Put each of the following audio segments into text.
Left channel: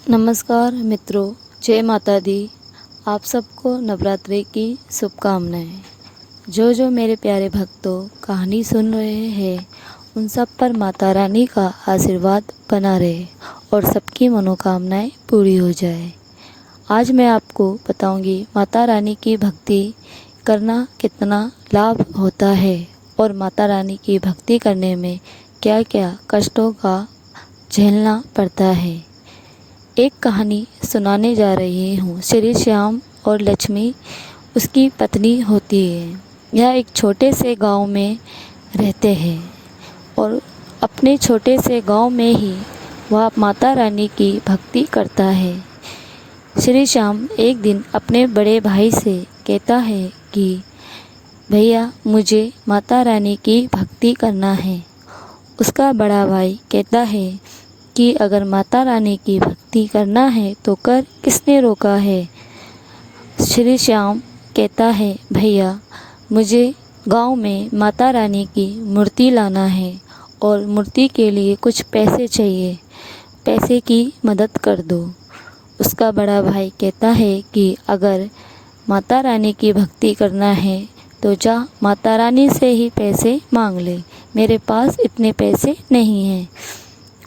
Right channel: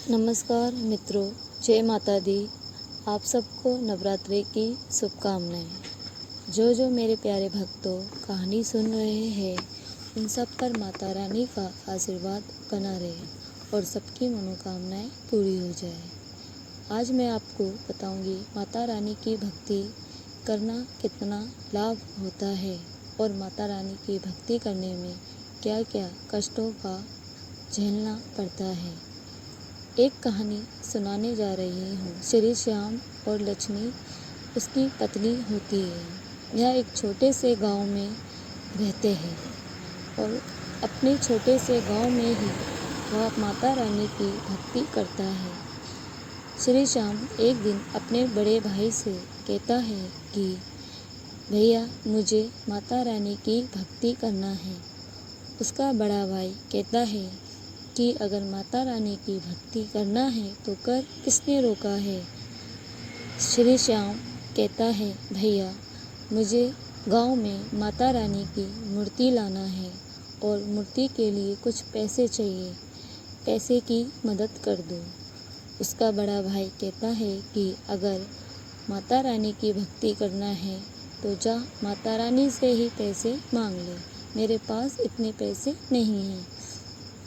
नमस्कार मित्रों, जय माता दी। आप सबको नवरात्रि की शुभकामनाएं। जो मेरे प्यारे भक्तों कहानी सुन रहे हैं उन सब पर माता रानी का आशीर्वाद बना रहे और सबकी मनोकामनाएं पूरी हो जाए। आज मैं आपको बताऊंगी माता रानी की भक्ति करना कितना लाभ होता है और माता रानी की भक्ति करने में क्या क्या कष्टों का झेलना पड़ता है। एक कहानी सुनाने जा रही हूँ। श्री श्याम और लक्ष्मी उसकी पत्नी होती है। यह एक छोटे से गांव में रहते हैं और अपने छोटे से गांव में ही वह माता रानी की भक्ति करता है। श्री श्याम एक दिन अपने बड़े भाई से कहता है कि भैया मुझे माता रानी की भक्ति करना है। उसका बड़ा भाई कहता है कि अगर माता रानी की भक्ति करना है तो कर, किसने रोका है। श्री श्याम कहता है भैया मुझे गांव में माता रानी की मूर्ति लाना है और मूर्ति के लिए कुछ पैसे चाहिए, पैसे की मदद कर दो। उसका बड़ा भाई कहता है कि अगर माता रानी की भक्ति करना है तो जा माता रानी से ही पैसे मांग ले, मेरे पास इतने पैसे नहीं हैं।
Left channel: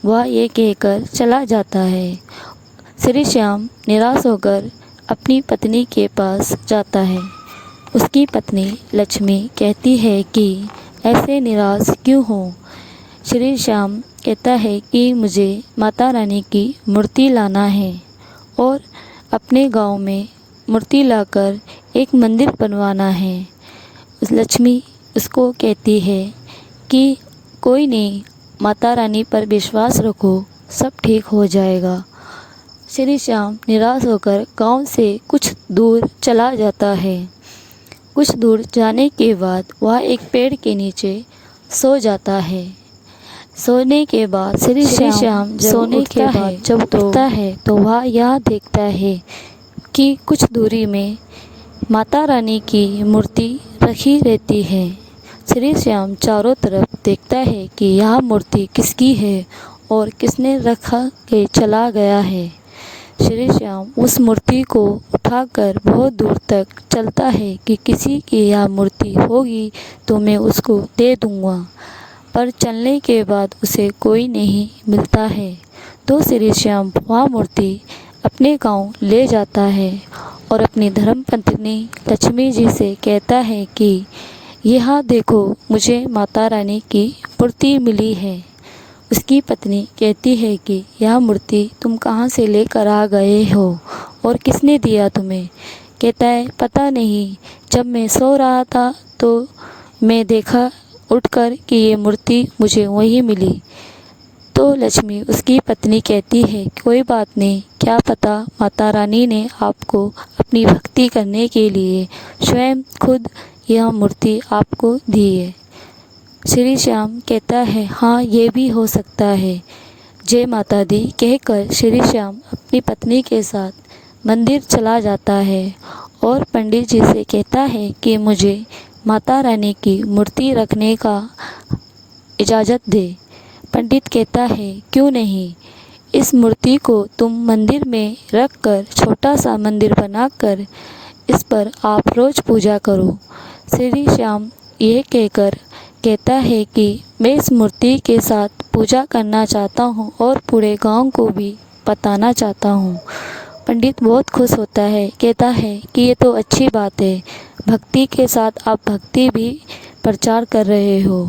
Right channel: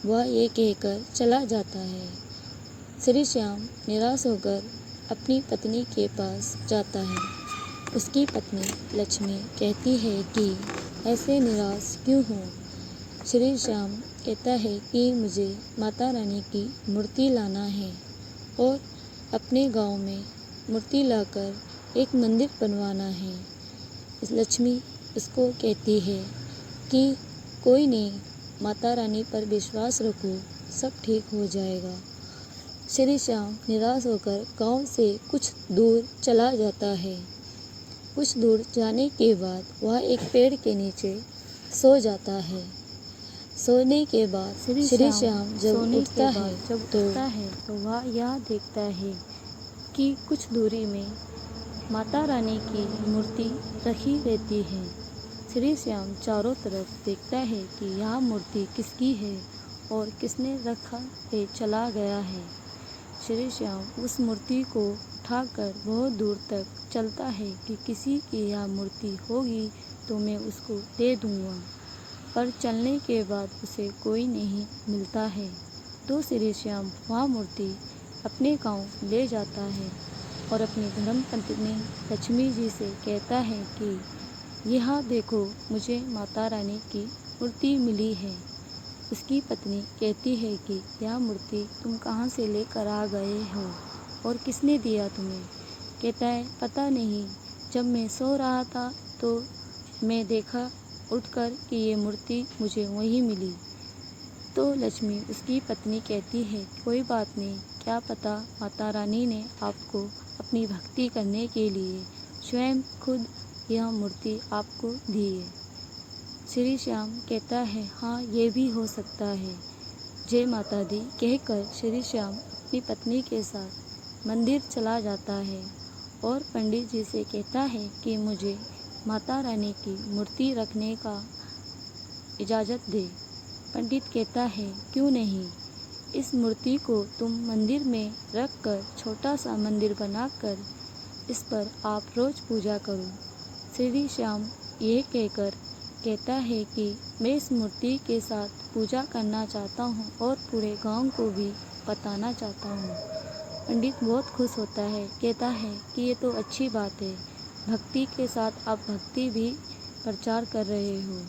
वह ये कहकर चला जाता है। श्री श्याम निराश होकर अपनी पत्नी के पास जाता है। उसकी पत्नी लक्ष्मी कहती है कि ऐसे निराश क्यों हो। श्री श्याम कहता है कि मुझे माता रानी की मूर्ति लाना है और अपने गांव में मूर्ति लाकर एक मंदिर बनवाना है। लक्ष्मी उसको कहती है कि कोई नहीं, माता रानी पर विश्वास रखो, सब ठीक हो जाएगा। श्री श्याम निराश होकर गांव से कुछ दूर चला जाता है। कुछ दूर जाने के बाद वह एक पेड़ के नीचे सो जाता है। सोने के बाद श्री श्याम सोने के बाद जब उठता है तो वह यह देखता है कि कुछ दूरी में माता रानी की मूर्ति रखी रहती है। श्री श्याम चारों तरफ देखता है कि यह मूर्ति किसकी है और किसने रखा के चला गया है। श्री श्याम उस मूर्ति को उठाकर बहुत दूर तक चलता है कि किसी की यह मूर्ति होगी तो मैं उसको दे दूँगा, पर चलने के बाद उसे कोई नहीं मिलता है। तो श्री श्याम वह मूर्ति अपने गांव ले जाता है और अपनी धर्मपत्नी लक्ष्मी जी से कहता है कि यह देखो मुझे माता रानी की मूर्ति मिली है। उसकी पत्नी कहती है कि यह मूर्ति तुम कहाँ से लेकर आ गए हो और किसने दिया तुम्हें। कहता है पता नहीं, जब मैं सो रहा था तो मैं देखा उठकर कि ये मूर्ति मुझे वहीं मिली। तो लक्ष्मी उसकी पत्नी कहती है कोई बात नहीं, क्या पता माता रानी ने आपको अपनी भक्ति करने के लिए स्वयं खुद यह मूर्ति आपको दी है। श्री श्याम कहता है हाँ ये भी हो सकता है। जय माता दी कहकर श्री श्याम अपनी पत्नी के साथ मंदिर चला जाता है और पंडित जी से कहता है कि मुझे माता रानी की मूर्ति रखने का इजाज़त दे। पंडित कहता है क्यों नहीं, इस मूर्ति को तुम मंदिर में रख कर छोटा सा मंदिर बनाकर इस पर आप रोज़ पूजा करो। श्री श्याम ये कहकर कहता है कि मैं इस मूर्ति के साथ पूजा करना चाहता हूँ और पूरे गांव को भी बताना चाहता हूँ। पंडित बहुत खुश होता है, कहता है कि ये तो अच्छी बात है, भक्ति के साथ आप भक्ति भी प्रचार कर रहे हो।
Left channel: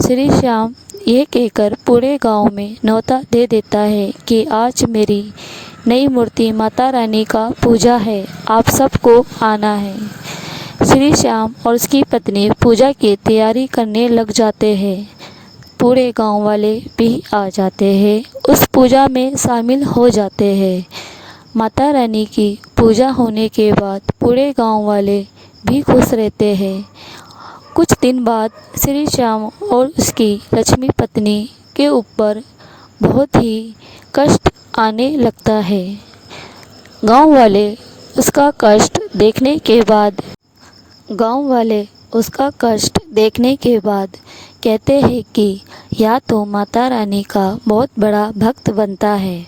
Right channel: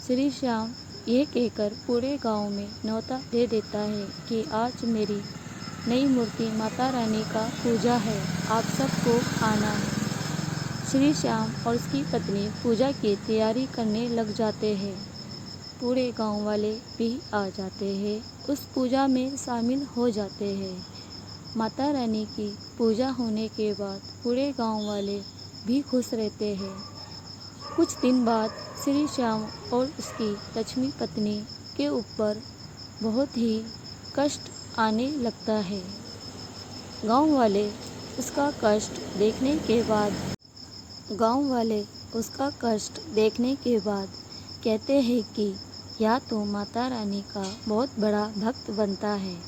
श्री श्याम ये कहकर पूरे गांव में न्योता दे देता है कि आज मेरी नई मूर्ति माता रानी का पूजा है, आप सबको आना है। श्री श्याम और उसकी पत्नी पूजा की तैयारी करने लग जाते हैं। पूरे गांव वाले भी आ जाते हैं, उस पूजा में शामिल हो जाते हैं। माता रानी की पूजा होने के बाद पूरे गांव वाले भी खुश रहते हैं। कुछ दिन बाद श्री श्याम और उसकी लक्ष्मी पत्नी के ऊपर बहुत ही कष्ट आने लगता है। गांव वाले उसका कष्ट देखने के बाद कहते हैं कि या तो माता रानी का बहुत बड़ा भक्त बनता है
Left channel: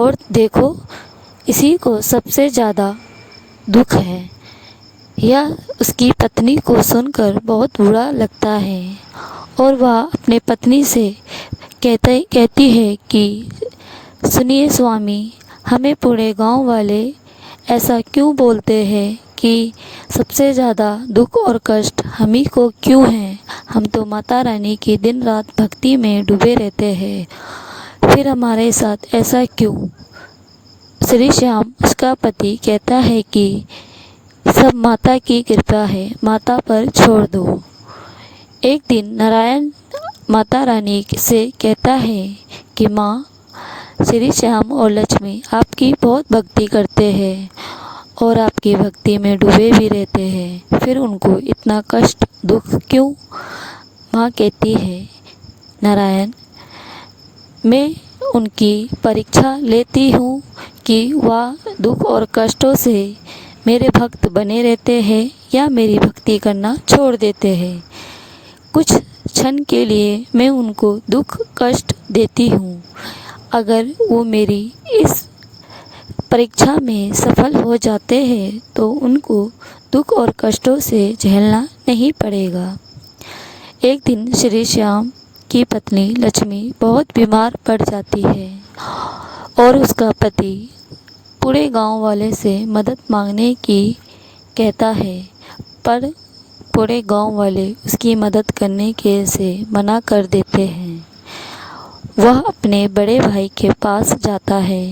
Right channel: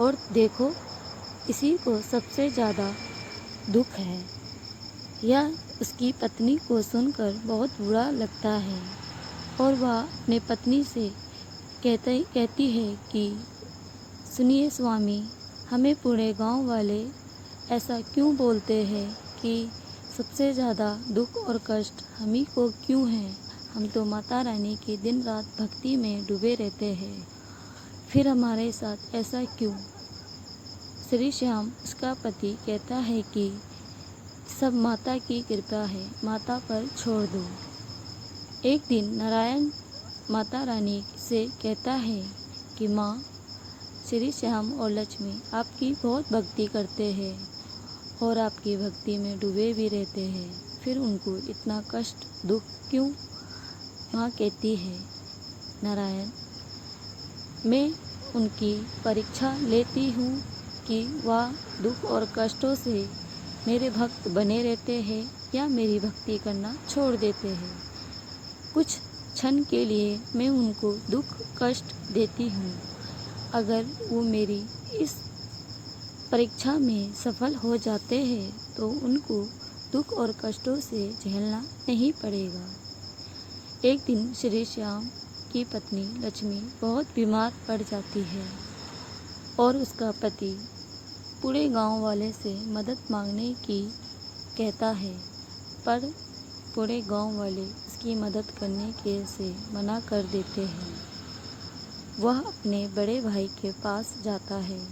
और देखो, इसी को सबसे ज़्यादा दुख है। यह उसकी पत्नी को सुनकर बहुत बुरा लगता है और वह अपने पत्नी से कहती है कि सुनिए स्वामी, हमें पूरे गांव वाले ऐसा क्यों बोलते हैं कि सबसे ज़्यादा दुख और कष्ट हम ही को क्यों है। हम तो माता रानी की दिन रात भक्ति में डूबे रहते हैं, फिर हमारे साथ ऐसा क्यों। श्री श्याम, उसका पति, कहता है कि सब माता की कृपा है, माता पर छोड़ दो। एक दिन नारायण माता रानी से कहता है कि माँ, श्री श्याम और लक्ष्मी आपकी बहुत भक्ति करते हैं और आपकी भक्ति में डूबे भी रहते हैं, फिर उनको इतना कष्ट दुख क्यों। माँ कहती है, नारायण, मैं उनकी परीक्षा लेती हूँ कि वह दुख और कष्टों से मेरे भक्त बने रहते हैं या मेरी भक्ति करना छोड़ देते हैं। कुछ क्षण के लिए मैं उनको दुख कष्ट देती हूँ। अगर वो मेरी इस परीक्षा में सफल हो जाते हैं तो उनको दुख और कष्टों से झेलना नहीं पड़ेगा। एक दिन श्री श्याम की पत्नी लक्ष्मी बहुत बीमार पड़ जाती है और उसका पति पूरे गांव वाले से मदद मांगने की कहता है, पर पूरे गांव वाले उसकी मदद करने के से मना कर देते हैं। वह अपने बड़े भाई के पास जाता है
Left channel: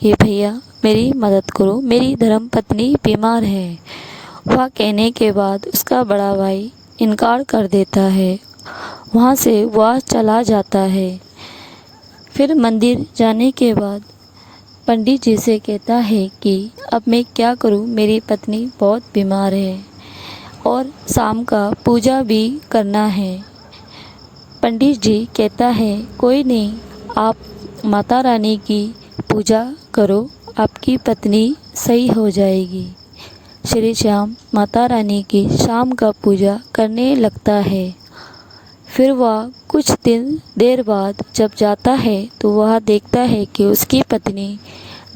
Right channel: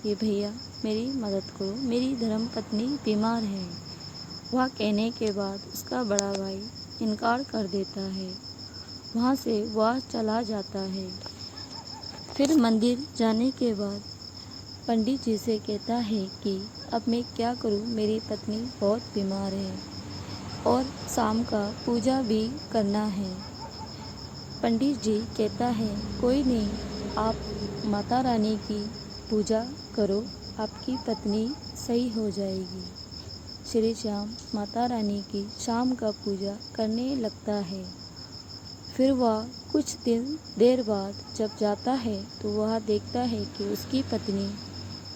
कि भैया मेरी मदद करो, मेरी धर्म पत्नी बीमार है। वह कहने के बाद उसका बड़ा भाई इनकार कर देता है। वहाँ से वह चला जाता है। फिर मंदिर जाने के बाद पंडित जी से कहता है कि अब मैं क्या करूं, मेरी पत्नी बहुत बीमार है और शाम का पूजा भी करना है। पंडित जी कहता है, कोई नहीं, आप माता रानी की पूजा करो, आपकी पत्नी सही हो जाएगी। श्री श्याम माता रानी की शाम का पूजा करने लगता है। फिर वह कुछ देर बाद जब जाता है तो वह देखता है कि उसकी पत्नी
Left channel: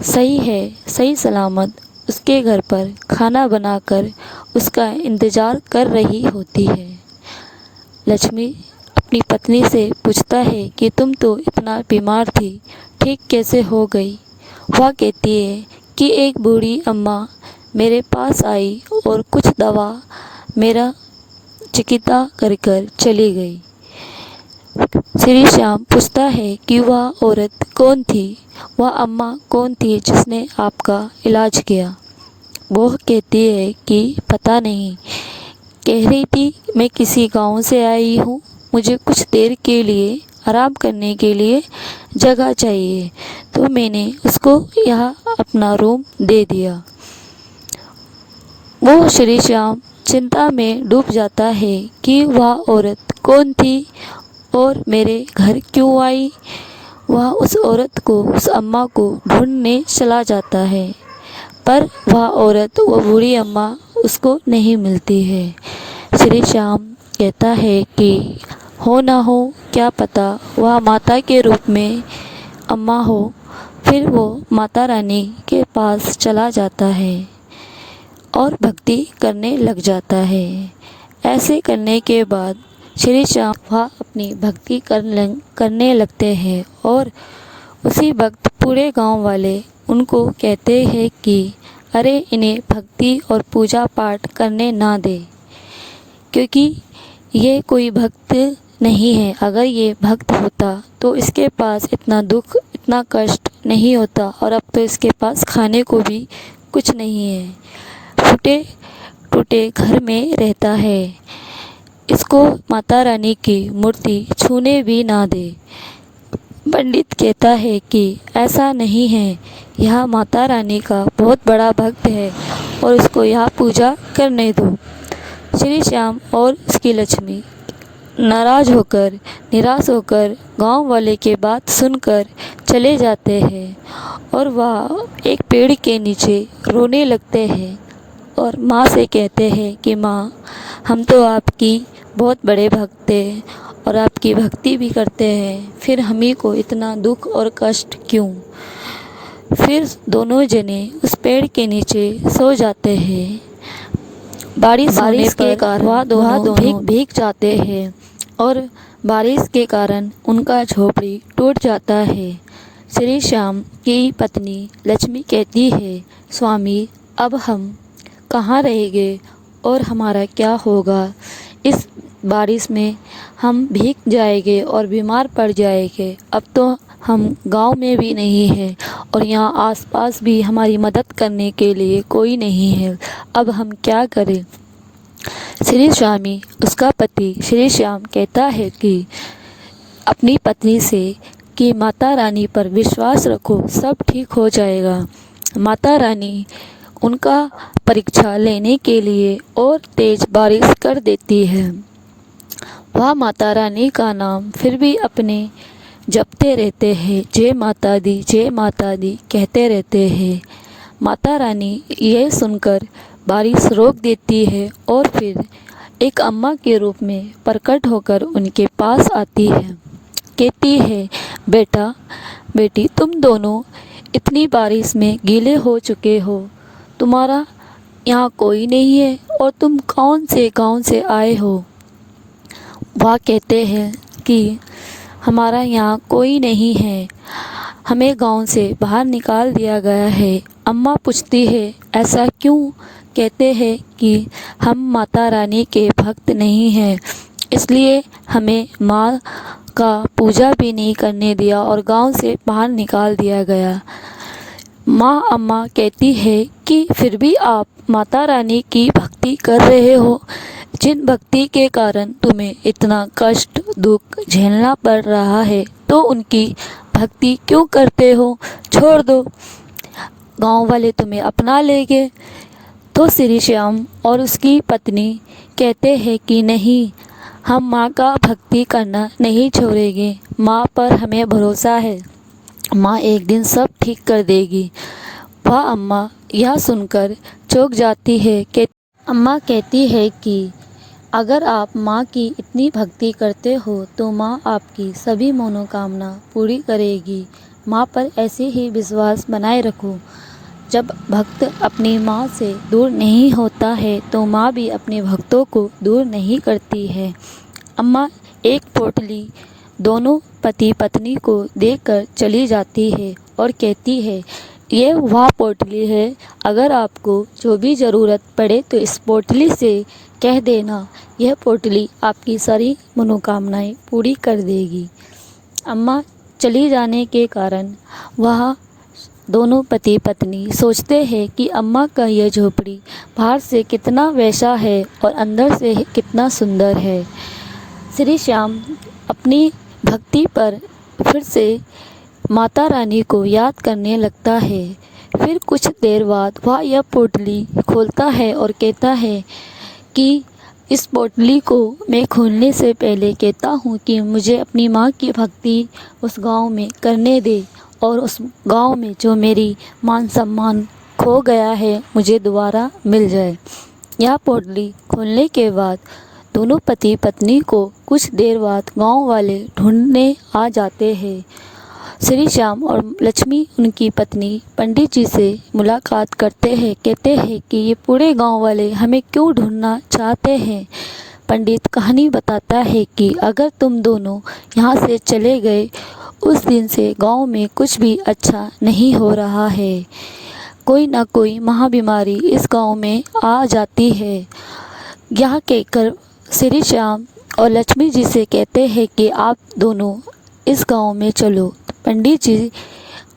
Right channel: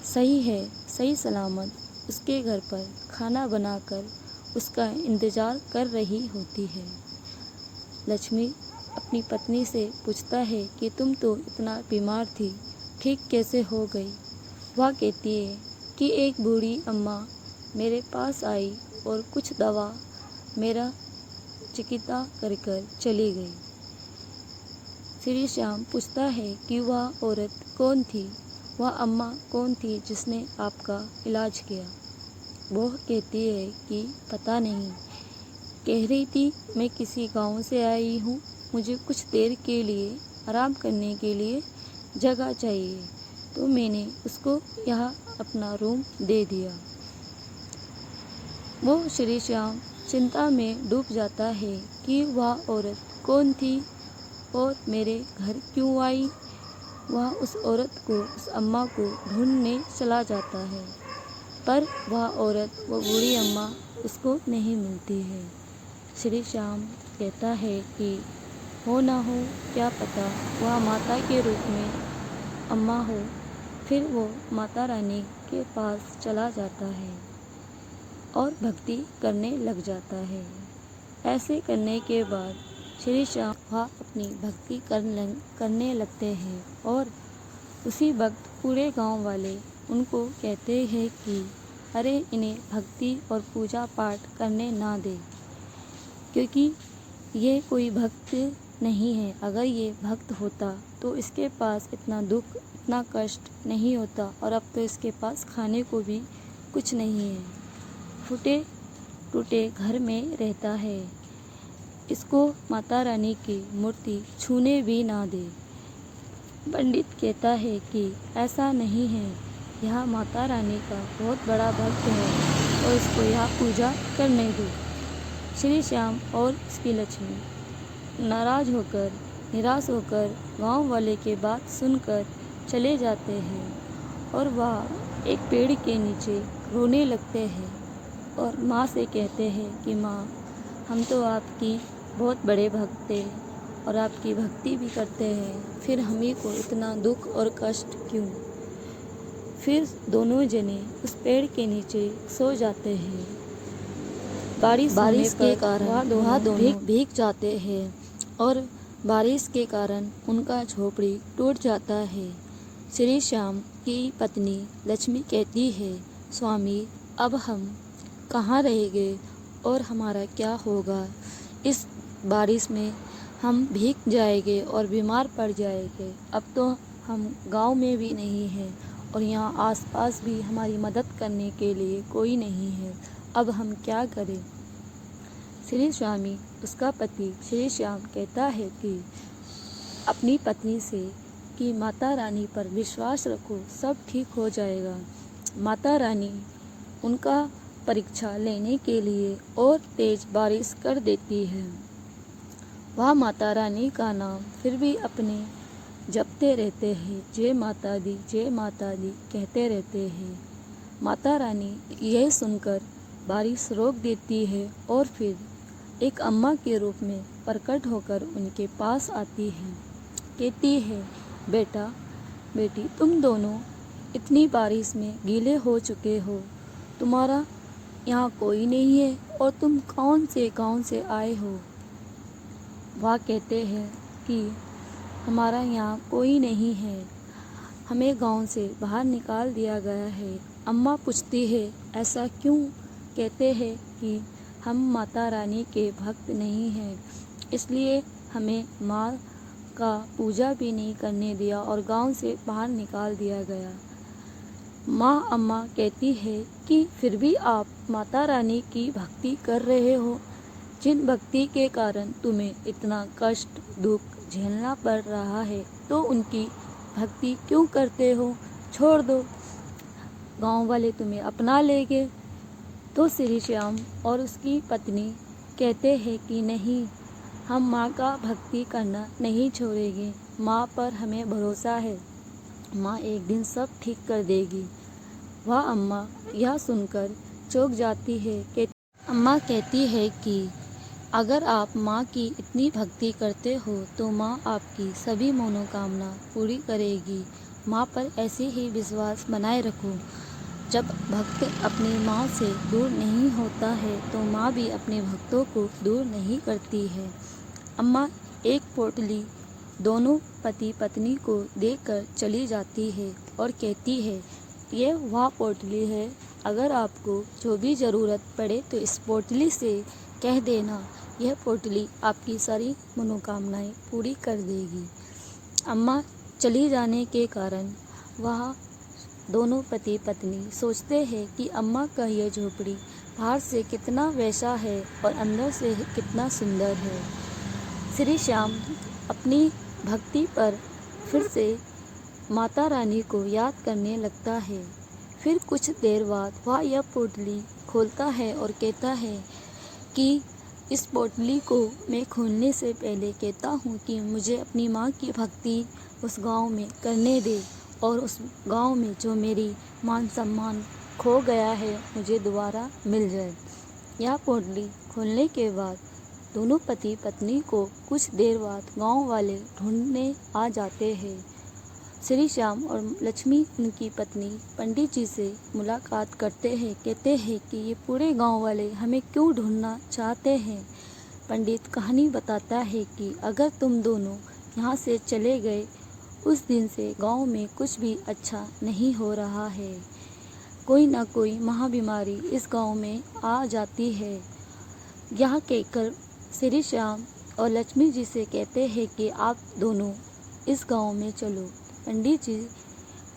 सही है, सही सलामत उसके घर पर खाना बनाकर उसका इंतज़ार कर रही होती है। लक्ष्मी अपनी पत्नी से पूछता है कि तुम तो इतना बीमार थी, ठीक कैसे हो गई। वह कहती है कि एक बूढ़ी अम्मा मेरे पास आई और कुछ दवा मेरा चिकित्सा कर चली गई। श्री श्याम पूछता है कि वह औरत कौन थी, वह अम्मा कौन थी जिसने आपका इलाज किया। वो कहती है कि पता नहीं, कह रही थी मैं किसी गांव से आई हूँ, मुझे कुछ देर के लिए आराम करने के लिए जगह चाहिए, तो मैंने उसको यहाँ अपना रूम दे दिया। वो श्री श्याम चिंता में डूब जाता है कि वह औरत कौन थी और मेरे घर क्यों आई। वह उस औरत को, उस अम्मा को ढूंढने चला जाता है, पर वह औरत, वो बूढ़ी अम्मा उसको नहीं मिलती है। श्री श्याम कहता है कि हो ना हो, क्या पता वह माता के रूप में अम्मा हो। फिर वो माता रानी के पास चला जाता है और भक्ति करने लग जाता है। ऐसे करने के बाद श्री श्याम वह अपनी भक्ति करने लगते हैं और उसी वक्त पूरे गांव वाले उनको कहते हैं कि अरे इन्हें भक्ति और पूजा पाठ करने ना दे, क्योंकि ये कोई भक्त नहीं है। अगर ये भक्त होता तो इसके पास इतना दुख, इतना कष्ट नहीं होता, और अब तो इसके पास खाने को भी कुछ नहीं है, फूटे टूटे घर में रहता है। इसको माता रानी की मूर्ति छूने भी ना दे। पंडित कहता है कि ऐसा नहीं है, यह माता रानी का बहुत बड़ा भक्त है और इसको यहाँ पूजा करने दो। श्री श्याम और उसकी लक्ष्मी नाराज़ होकर, निराश होकर गांव वाले के बात सुनकर चले जाते हैं और वह एक पेड़ के नीचे रोने लगते हैं और माँ से कहते हैं कि माँ, हम तो आपकी बहुत बड़े भक्त हैं और आपकी भक्ति भी करते हैं, फिर हम ही को इतना दुख और कष्ट क्यों। फिर दोनों जने उस पेड़ के नीचे सो जाते हैं। बारिश के कारण वह दोनों भीग जाते हैं और बारिश के कारण उनका झोपड़ी टूट जाता है। श्री श्याम की पत्नी लक्ष्मी कहती है, स्वामी, अब हम कहाँ रहेंगे और हमारा क्या होगा? इस बारिश में हम भीग जाएंगे और बीमार पड़ जाएंगे। अब तो हम गांव में भी नहीं हैं और यहाँ आसपास भी हमारी मदद करने के लिए कोई नहीं है। अब हम क्या करें? श्री स्वामी, उसका पति श्री श्याम कहता है कि अपनी पत्नी से कि माता रानी पर विश्वास रखो, सब ठीक हो जाएगा। माता रानी उनका परीक्षा लेने के लिए और तेज बारिश कर देती है। वह माता रानी का नाम फिर भी अपने जपते रहते हैं, जय माता दी कहते रहते हैं। माता रानी यह सुनकर बारिश रोक देती है और फिर एक अम्मा के रूप में प्रकट होकर उनके पास आती है। कहती है, बेटा बेटी, तुम दोनों इतनी बारिश में गीले हो चुके हो, तुम्हारा यहाँ कोई नहीं है और तुम कौन से गांव से आए हो? वह कहते हैं कि हमारा यहाँ कोई नहीं है, हमें गांव से बाहर निकाल दिया गया है। अम्मा पूछती है, ऐसा क्यों? कहते हैं कि हम माता रानी के भक्त नहीं हैं, इसलिए हमें माँ का पूजा भी नहीं करने दिया और गांव से बाहर निकाल दिया गया। अम्मा कहती है कि फिर भी आप माता रानी की भक्ति कर रहे हो, जिन भक्ति के कारण तुम्हें इतना कष्ट दुख झेलना पड़ रहा है, तो उनकी भक्ति क्यों करते हो? छोड़ दो, गांव वाले तुम्हें अपना लेंगे। तो श्री श्याम और उसकी पत्नी कहते हैं कि नहीं, हम माँ का भक्ति करना नहीं छोड़ेंगे। माँ पर हमें भरोसा है, माँ एक दिन सब ठीक कर देगी। वह अम्मा यह सुनकर चौंक जाती है। अम्मा कहती है कि अगर आप माँ की इतनी भक्ति करते हो तो माँ आपकी सभी मनोकामना पूरी करेगी। माँ पर ऐसे ही विश्वास बनाए रखो। जब भक्त अपनी माँ से दूर नहीं होता है तो माँ भी अपने भक्तों को दूर नहीं करती है। अम्मा एक पोटली दोनों पति पत्नी को देकर चली जाती है और कहती है, ये वह पोटली है, अगर आपको जो भी ज़रूरत पड़े तो इस पोटली से कह देना, यह पोटली आपकी सारी मनोकामनाएं पूरी कर देगी। अम्मा चली जाने के कारण वह दोनों पति पत्नी सोचते हैं कि अम्मा का यह झोपड़ी बाहर से कितना वैसा है और अंदर से कितना सुंदर है। श्री श्याम अपनी भक्ति पर फिर से माता रानी को याद करने लगता है। फिर कुछ देर बाद वह यह पोटली खोलता है और कहता है कि इस पोटली को मैं खोलने से पहले कहता हूँ कि मुझे अपनी माँ की भक्ति उस गांव में करने दे और उस गांव में जो मेरी मान सम्मान खो गया है मुझे दोबारा मिल जाए। यह पोटली खोलने के बाद दोनों पति पत्नी को कुछ देर बाद गांव वाले ढूंढने आ जाते हैं। श्री श्याम और लक्ष्मी उनकी पत्नी पंडित जी से मुलाकात करते हैं। कहते हैं कि ये पूरे गांव वाले हमें क्यों ढूंढना चाहते हैं? पंडित कहानी बताता है कि अगर तुम दोनों यहाँ से चले गए, उस दिन से गांव में कुछ भी अच्छा नहीं हो रहा है। कोई ना कोई महाबीमारी इस गांव में आ जाती है। यहाँ कहकर श्री श्याम और लक्ष्मी जी से कहते हैं कि आप दोनों इस गांव में चलो। पंडित जी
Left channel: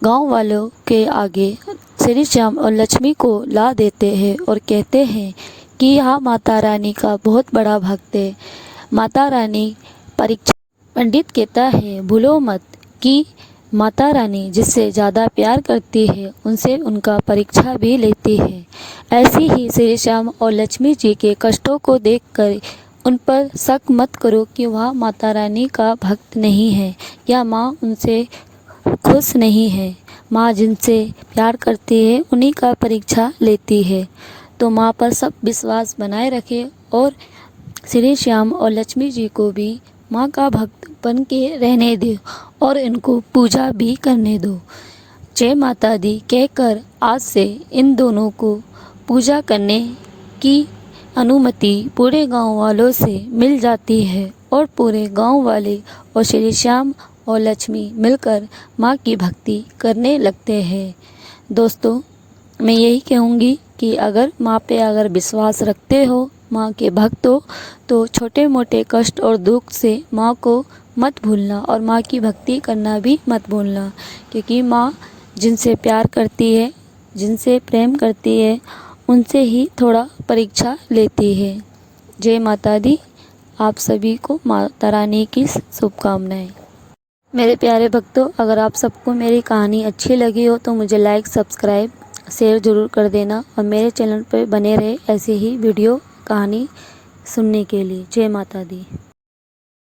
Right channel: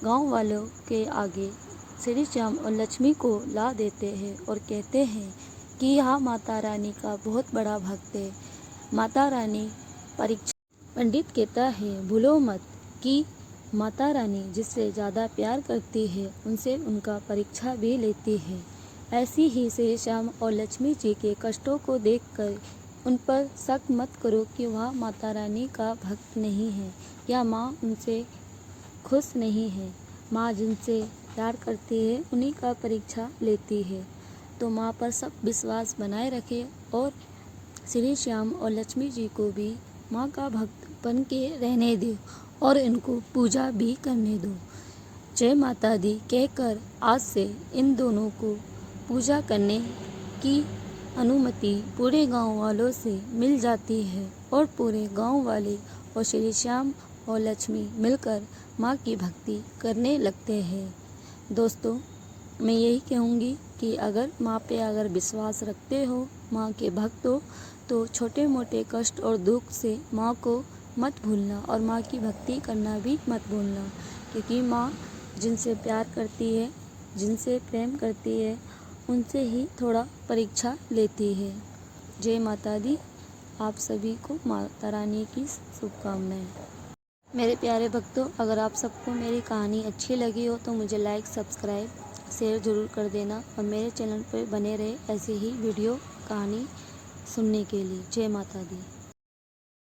गांव वालों के आगे श्री श्याम और लक्ष्मी को ला देते हैं और कहते हैं कि यह माता रानी का बहुत बड़ा भक्त है। माता रानी परीक्षा। पंडित कहता है, भूलो मत कि माता रानी जिससे ज़्यादा प्यार करती है उनसे उनका परीक्षा भी लेती है। ऐसी ही श्री श्याम और लक्ष्मी जी के कष्टों को देखकर उन पर शक मत करो कि वह माता रानी का भक्त नहीं है या माँ उनसे खुश नहीं है। माँ जिनसे प्यार करती है उन्हीं का परीक्षा लेती है। तो माँ पर सब विश्वास बनाए रखे और श्री श्याम और लक्ष्मी जी को भी माँ का भक्त बन के रहने दो और इनको पूजा भी करने दो। जय माता दी कहकर आज से इन दोनों को पूजा करने की अनुमति पूरे गांव वालों से मिल जाती है और पूरे गांव वाले और श्री श्याम और लक्ष्मी मिलकर माँ की भक्ति करने लगते हैं। दोस्तों, मैं यही कहूँगी कि अगर माँ पे अगर विश्वास रखते हो, माँ के भक्त हो, तो छोटे मोटे कष्ट और दुख से माँ को मत भूलना और माँ की भक्ति करना भी मत भूलना, क्योंकि माँ जिनसे प्यार करती है, जिनसे प्रेम करती है, उनसे ही थोड़ा परीक्षा लेती है। जय माता दी। आप सभी को माता रानी की शुभकामनाएं। मेरे प्यारे भक्तों, अगर आप सबको मेरी कहानी अच्छी लगी हो तो मुझे लाइक, सब्सक्राइब, शेयर ज़रूर कर देना और मेरे चैनल पर बने रहे ऐसे ही वीडियो कहानी सुनने के लिए। जय माता दी।